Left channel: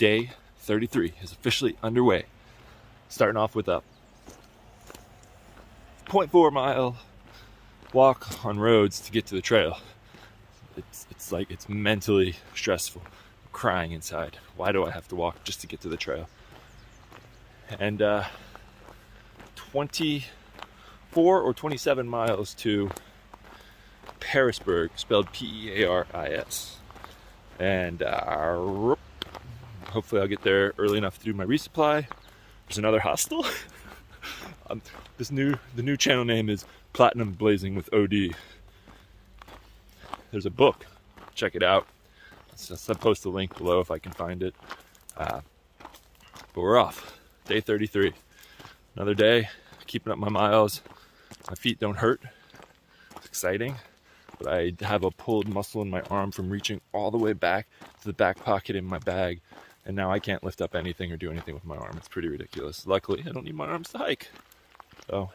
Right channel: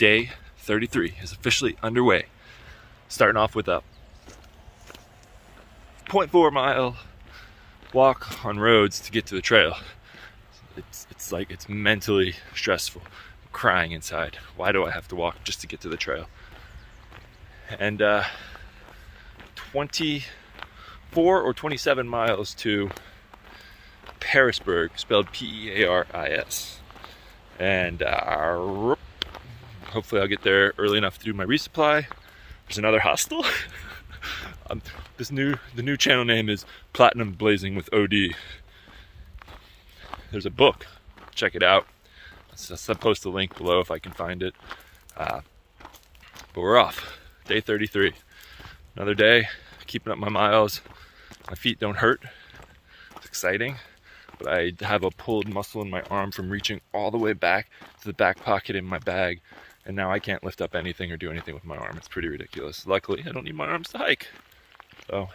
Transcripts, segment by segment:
Day 33 is officially underway. Starting off with a 0.4 mile walk on roads to get to the trail. It's like, it's mentally stressful. I'm crying inside. Why do I have to walk just to get to the trail? And 24 or 27 miles to Parisburg, spelled P-E-A-R-I-S. And hopefully I'll get there early enough to do my resupply. There's another hostel. The new channel name is Platinum Blazing with OD. There's a book. Check it out. I'll post a link below if I can find it. But we're off. Day 33. Another day, keeping up my miles. My feet don't hurt. It's exciting. But I have a pulled muscle in my arm from reaching all the way back to the back pocket in my bag. And now I can't lift up anything or do anything with my arm. It's pretty ridiculous. Luckily, I don't need my arms to hike. So,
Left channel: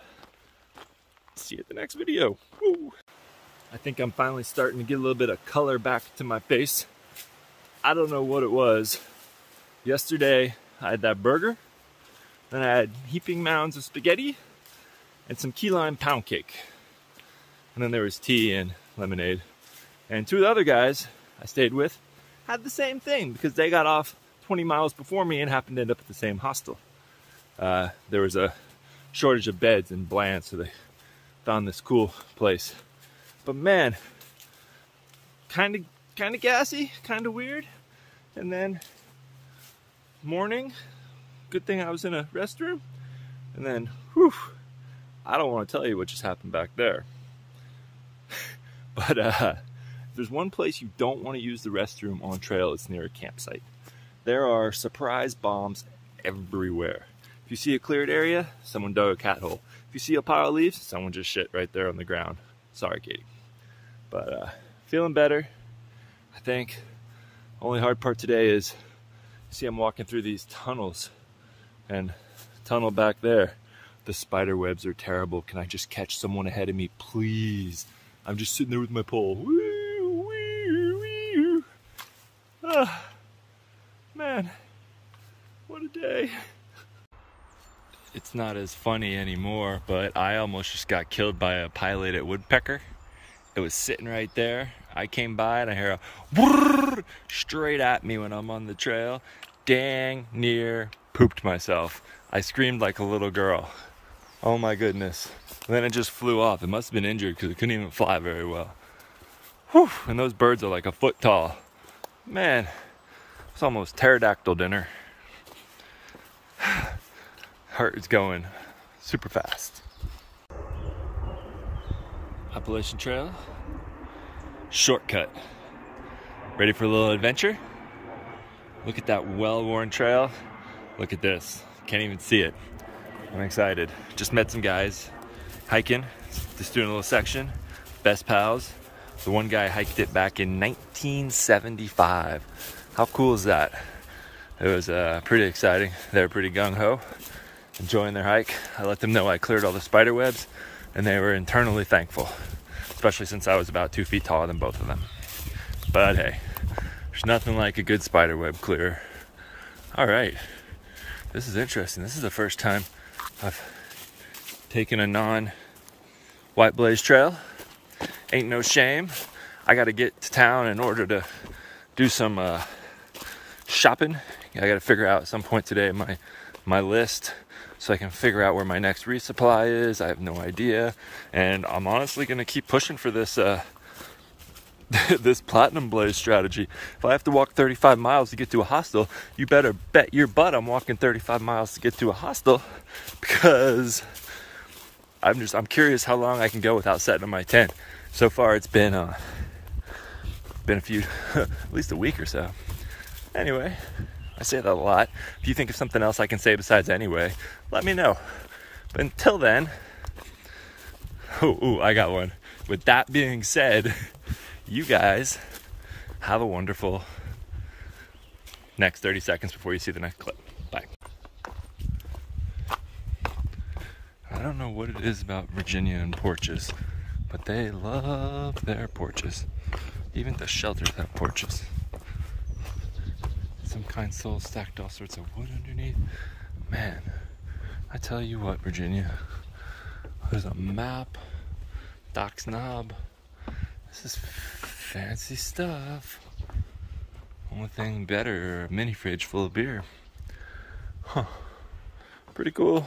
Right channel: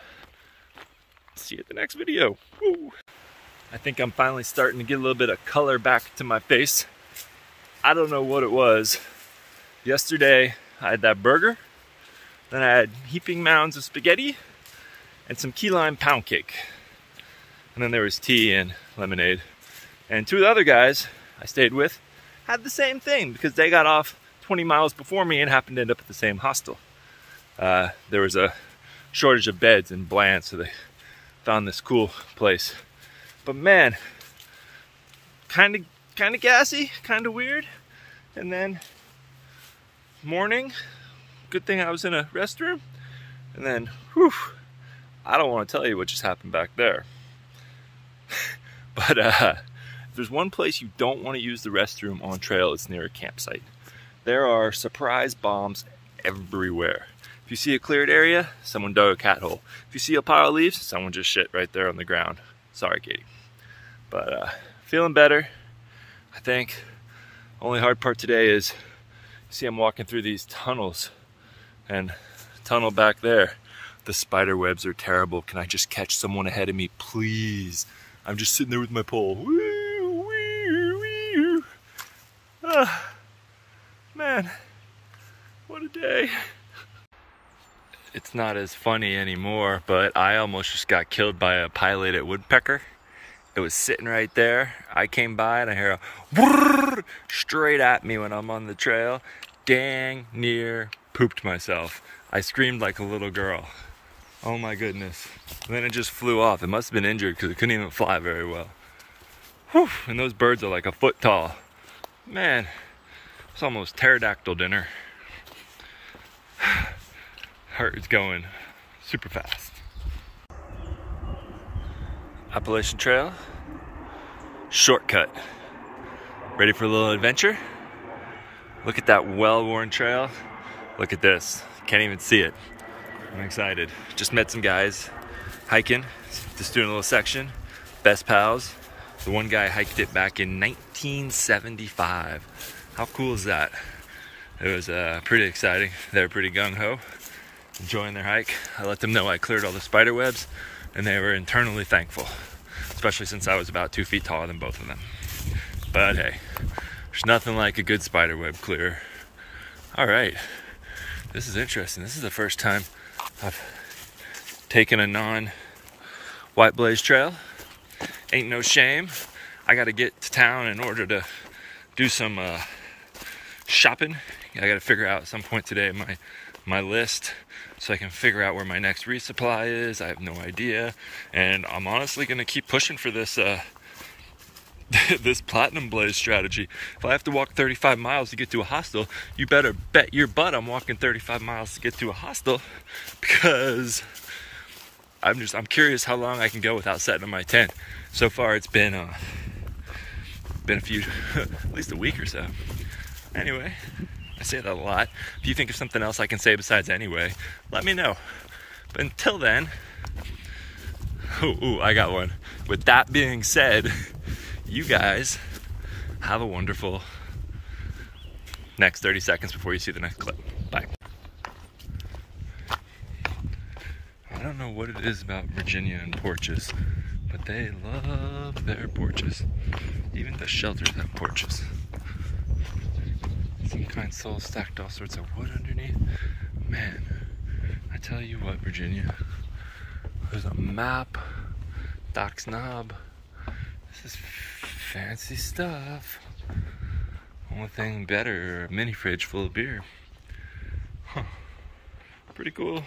see you at the next video. Woo! I think I'm finally starting to get a little bit of color back to my face. I don't know what it was. Yesterday, I had that burger. Then I had heaping mounds of spaghetti and some key lime pound cake. And then there was tea and lemonade. And two of the other guys I stayed with had the same thing because they got off 20 miles before me and happened to end up at the same hostel. There was a shortage of beds in Bland, so they found this cool place. But man, kind of gassy, kind of weird. And then morning, good thing I was in a restroom. And then, whew, I don't want to tell you what just happened back there. But if there's one place you don't want to use the restroom on trail, it's near a campsite. There are surprise bombs everywhere. If you see a cleared area, someone dug a cat hole. If you see a pile of leaves, someone just shit right there on the ground. Sorry, Katie. But feeling better, I think. Only hard part today is, see, I'm walking through these tunnels, and tunnel back there, the spider webs are terrible. Can I just catch someone ahead of me, please? I'm just sitting there with my pole. Woo, wee, wee. Man, what a day. It's not as funny anymore, but I almost just got killed by a pileated woodpecker. It was sitting right there. I came by and I hear a whirr straight at me when I'm on the trail. Dang near pooped myself. I screamed like a little girl. Oh my goodness. And then it just flew off. It must have been injured because it couldn't even fly very well. Whew, and those birds are like a foot tall. Man, it's almost pterodactyl dinner. Heart is going super fast. Appalachian Trail, shortcut. Ready for a little adventure? Look at that well-worn trail. Look at this, can't even see it. I'm excited. Just met some guys hiking, just doing a little section. Best pals. The one guy hiked it back in 1975. How cool is that? It was pretty exciting. They were pretty gung-ho, enjoying their hike. I let them know I cleared all the spider webs, and they were internally thankful, especially since I was about 2 feet taller than both of them. But hey, there's nothing like a good spider web clear. All right, this is interesting. This is the first time I've taken a non-White Blaze trail. Ain't no shame. I gotta get to town in order to do some shopping. I gotta figure out at some point today my list so I can figure out where my next resupply is. I have no idea. And I'm honestly gonna keep pushing for this this Platinum Blaze strategy. If I have to walk 35 miles to get to a hostel, you better bet your butt I'm walking 35 miles to get to a hostel, because I'm curious how long I can go without setting up my tent. So far it's been a few, at least a week or so. Anyway, I say that a lot. If you think of something else I can say besides anyway, let me know. But until then, I got one. With that being said, you guys have a wonderful next 30 seconds before you see the next clip. Bye. I don't know what it is about Virginia and porches, but they love their porches. Even the shelters have porches. Some kind soul stacked all sorts of wood underneath. Man, I tell you what, Virginia. There's a map. Doc's Knob. This is fancy stuff. Only thing better, a mini fridge full of beer. Huh. Pretty cool.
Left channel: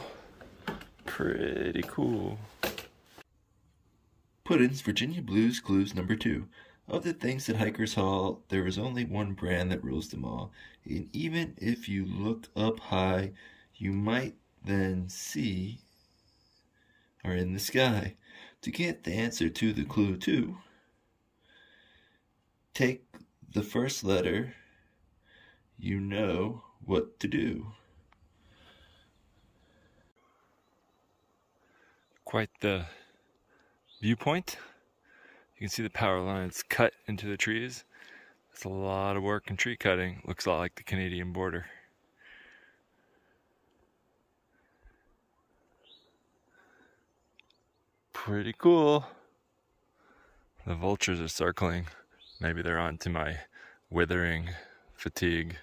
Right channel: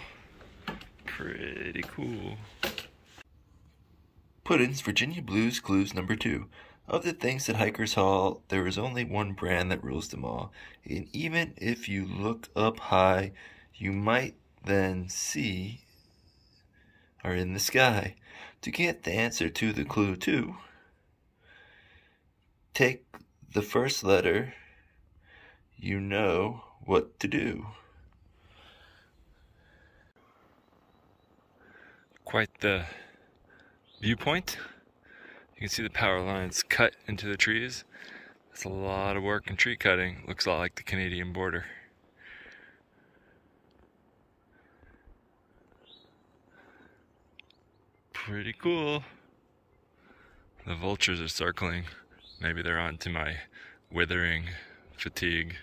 Pretty cool. Puddin's Virginia Blues Clues number 2. Of the things that hikers haul, there is only one brand that rules them all. And even if you look up high, you might then see are in the sky. To get the answer to the clue 2, take the first letter, you know what to do. Quite the viewpoint. You can see the power lines cut into the trees. That's a lot of work in tree cutting. Looks a lot like the Canadian border. Pretty cool. The vultures are circling. Maybe they're on to my withering fatigue.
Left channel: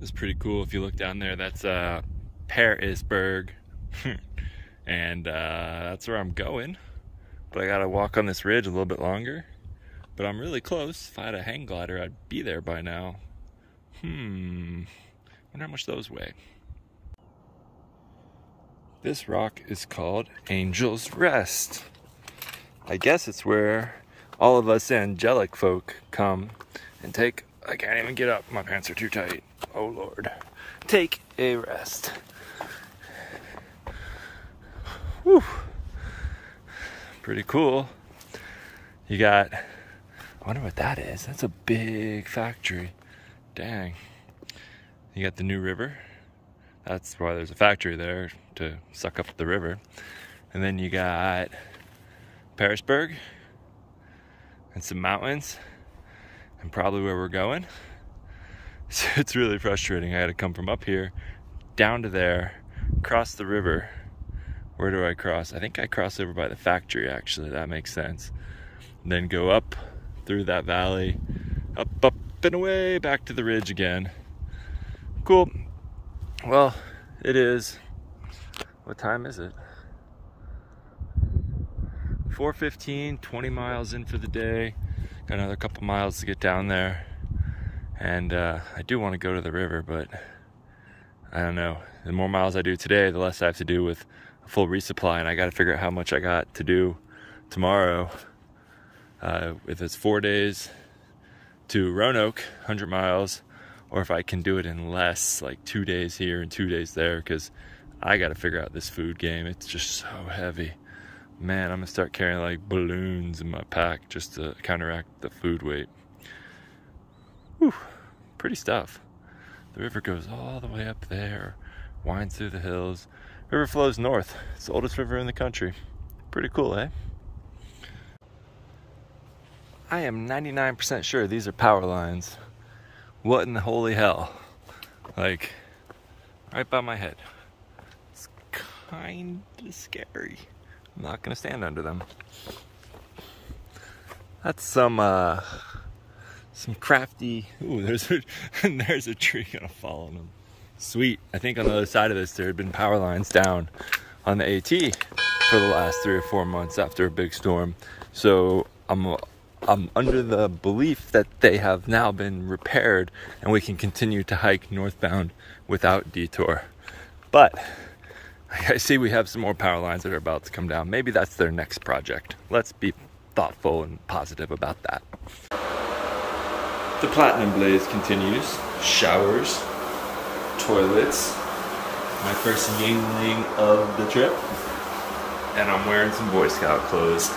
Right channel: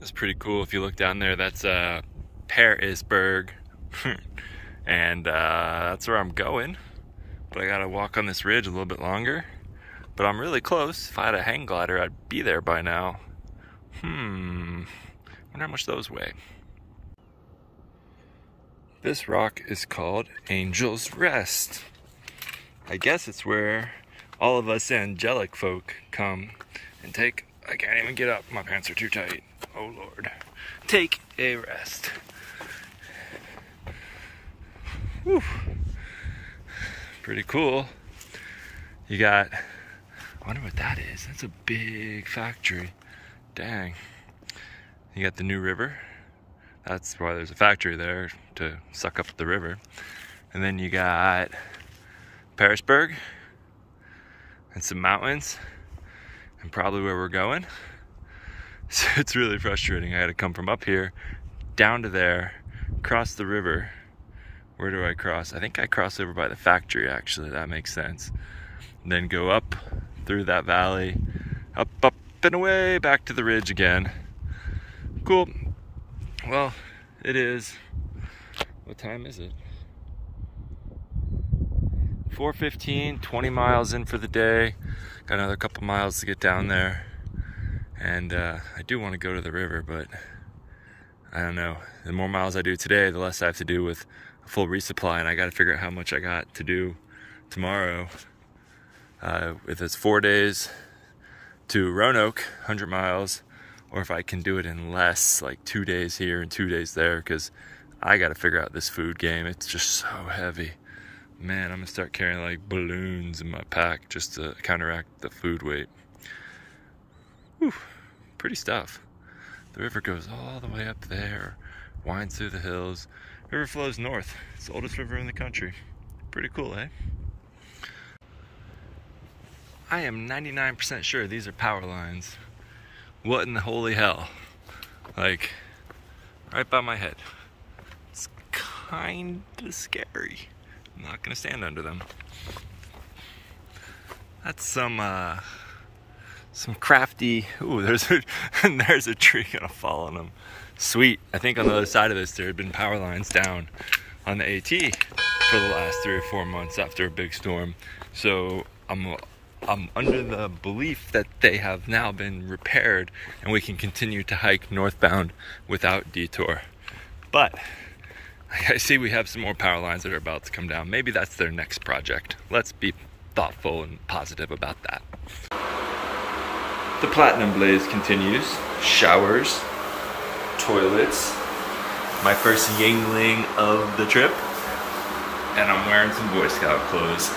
It's pretty cool. If you look down there, that's Pearisburg. And that's where I'm going. But I gotta walk on this ridge a little bit longer. But I'm really close. If I had a hang glider, I'd be there by now. Wonder how much those weigh. This rock is called Angel's Rest. I guess it's where all of us angelic folk come and take, I can't even get up, my pants are too tight. Oh Lord. Take a rest. Whew. Pretty cool. You got, I wonder what that is. That's a big factory. Dang. You got the New River. That's why there's a factory there, to suck up the river. And then you got Pearisburg and some mountains and probably where we're going. So it's really frustrating. I had to come from up here down to there, cross the river. Where do I cross? I think I cross over by the factory, actually. That makes sense. And then go up through that valley, up and away, back to the ridge again. Cool. Well, it is, what time is it? 4:15, 20 miles in for the day. Got another couple miles to get down there. And I do want to go to the river, but I don't know. The more miles I do today, the less I have to do with a full resupply, and I got to figure out how much I got to do tomorrow. If it's 4 days to Roanoke, 100 miles, or if I can do it in less, like 2 days here and 2 days there, because I got to figure out this food game. It's just so heavy. Man, I'm gonna start carrying like balloons in my pack just to counteract the food weight. Whew, pretty stuff. The river goes all the way up there, winds through the hills. River flows north. It's the oldest river in the country. Pretty cool, eh? I am 99% sure these are power lines. What in the holy hell? Like, right by my head. It's kinda scary. I'm not gonna stand under them. That's some crafty, ooh, there's a tree gonna fall on them. Sweet. I think on the other side of this there had been power lines down on the AT for the last 3 or 4 months after a big storm. So I'm under the belief that they have now been repaired and we can continue to hike northbound without detour. But I see we have some more power lines that are about to come down. Maybe that's their next project. Let's be thoughtful and positive about that. The Platinum Blaze continues. Showers, toilets, my first Yingling of the trip, and I'm wearing some Boy Scout clothes.